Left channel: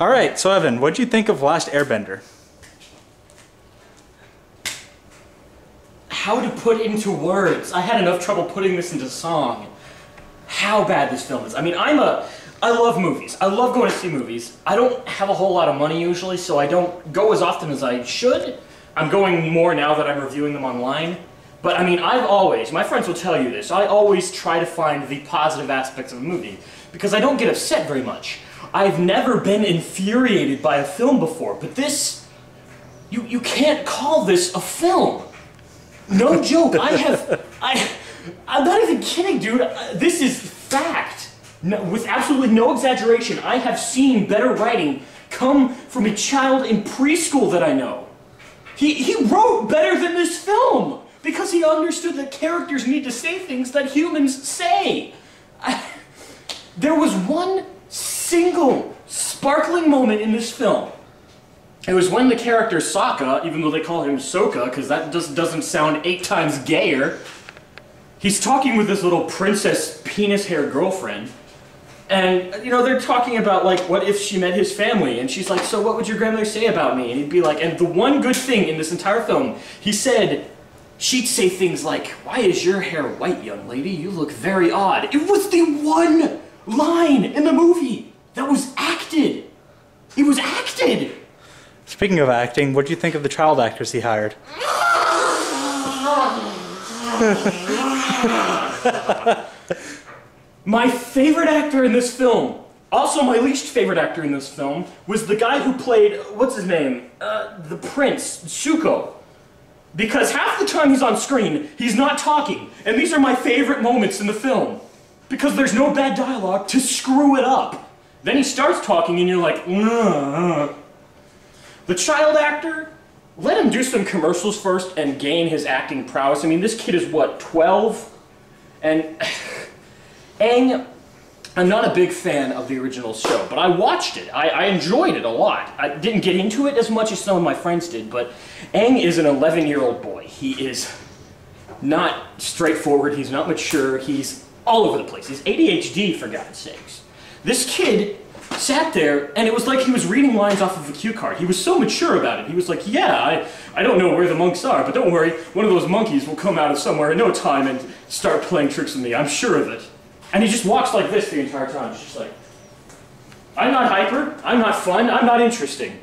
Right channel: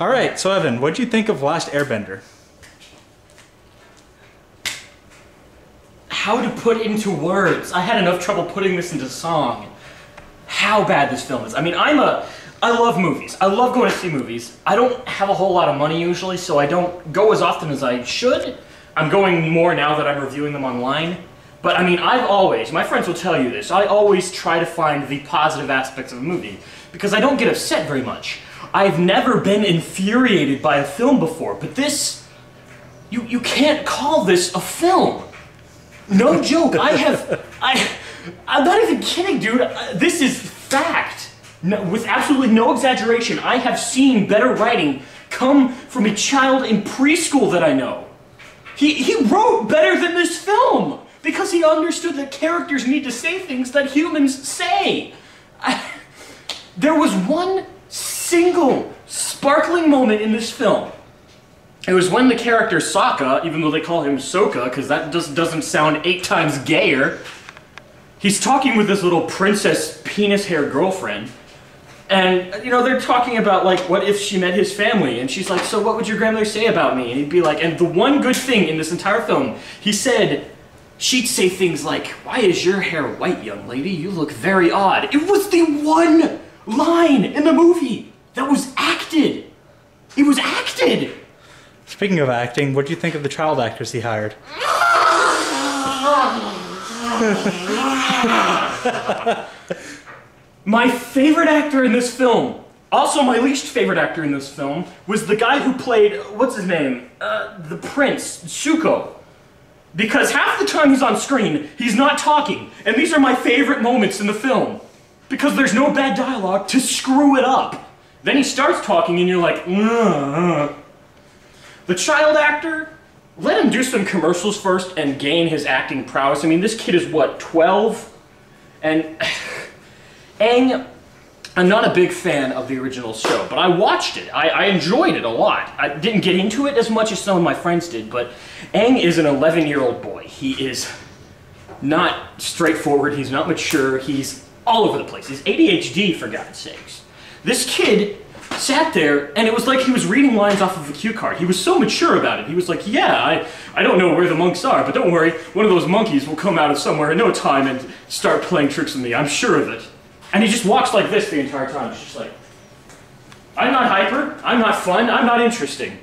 All right, so Evan, what'd you think of Last Airbender? How to put into words? I had enough trouble putting this into song. How bad this film is. I mean, I love movies. I love going to see movies. I don't have a whole lot of money usually, so I don't go as often as I should. I'm going more now that I'm reviewing them online. But I mean, my friends will tell you this, I always try to find the positive aspects of a movie, because I don't get upset very much. I've never been infuriated by a film before, but this, you can't call this a film. No joke, I'm not even kidding, dude. This is fact. No, with absolutely no exaggeration, I have seen better writing come from a child in preschool that I know. He wrote better than this film because he understood that characters need to say things that humans say. There was one single sparkling moment in this film. It was when the character Sokka, even though they call him Sokka, because that just doesn't sound 8 times gayer, he's talking with this little princess penis-hair girlfriend, and, you know, they're talking about, like, what if she met his family, and she's like, so what would your grandmother say about me? And he'd be like, and the one good thing in this entire film, he said, she'd say things like, why is your hair white, young lady? You look very odd. It was the one line in the movie that was acted. It was acted. Speaking of acting, what do you think of the child actors he hired? My favorite actor in this film, also my least favorite actor in this film, was the guy who played, what's his name? The Prince, Zuko. Because half the time he's on screen, he's not talking, and these are my favorite moments in the film. Because there's no bad dialogue to screw it up. Then he starts talking and you're like, The child actor, let him do some commercials first and gain his acting prowess. I mean, this kid is what, 12? And Aang, I'm not a big fan of the original show, but I watched it. I enjoyed it a lot. I didn't get into it as much as some of my friends did, but Aang is an 11-year-old boy. He is not straightforward, he's not mature, he's all over the place. He's ADHD, for God's sakes. This kid sat there, and it was like he was reading lines off of a cue card. He was so mature about it. He was like, yeah, I don't know where the monks are, but don't worry, one of those monkeys will come out of somewhere in no time and start playing tricks with me. I'm sure of it. And he just walks like this the entire time. He's just like, I'm not hyper, I'm not fun, I'm not interesting.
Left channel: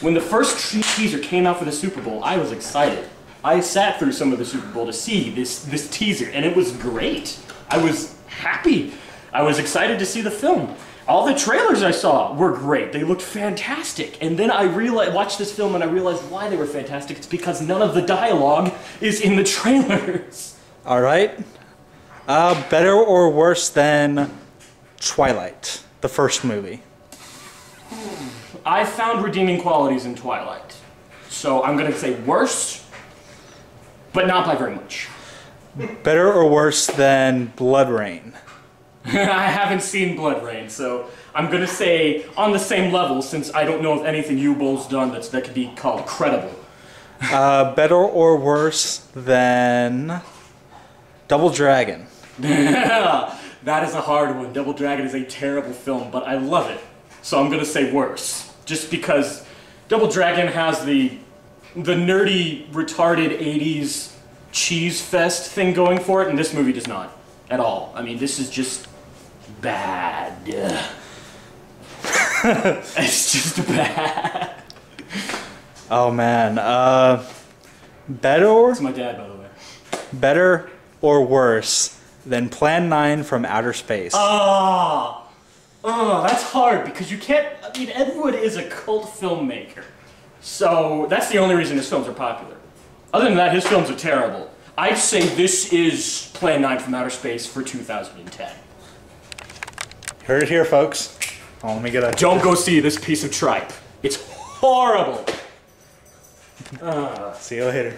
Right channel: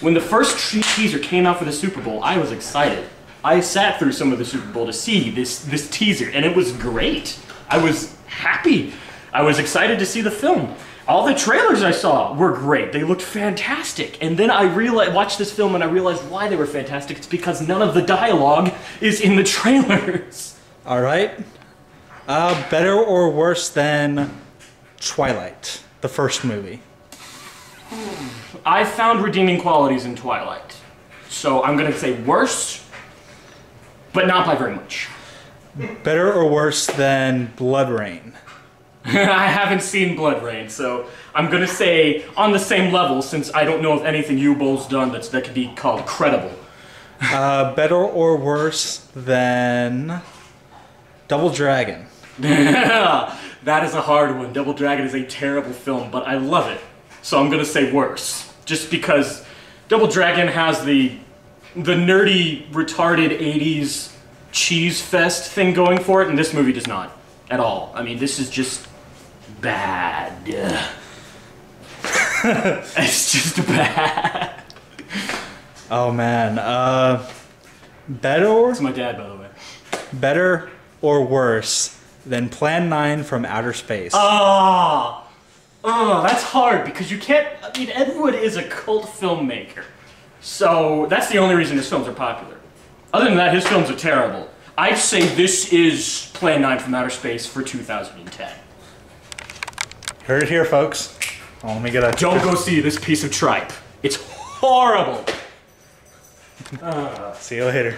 When the first teaser came out for the Super Bowl, I was excited. I sat through some of the Super Bowl to see this teaser, and it was great. I was happy. I was excited to see the film. All the trailers I saw were great. They looked fantastic. And then I watched this film and I realized why they were fantastic. It's because none of the dialogue is in the trailers. All right. Better or worse than Twilight, the first movie? I found redeeming qualities in Twilight. So I'm going to say worse, but not by very much. Better or worse than Blood Rain? I haven't seen Blood Rain, so I'm gonna say on the same level, since I don't know of anything Yu-Bol's done that could be called credible. Better or worse than Double Dragon? That is a hard one. Double Dragon is a terrible film, but I love it. So I'm gonna say worse. Just because Double Dragon has the nerdy, retarded 80s cheese fest thing going for it, and this movie does not. At all. I mean, this is just bad. It's just bad. Oh man. Better? It's my dad, by the way. Better or worse than Plan 9 from Outer Space? Oh, that's hard because you can't. I mean, Ed Wood is a cult filmmaker, so that's the only reason his films are popular. Other than that, his films are terrible. I'd say this is Plan 9 from Outer Space for 2010. Heard it here, folks. Oh, let me get a... Don't go see this piece of tripe. It's horrible. See you later.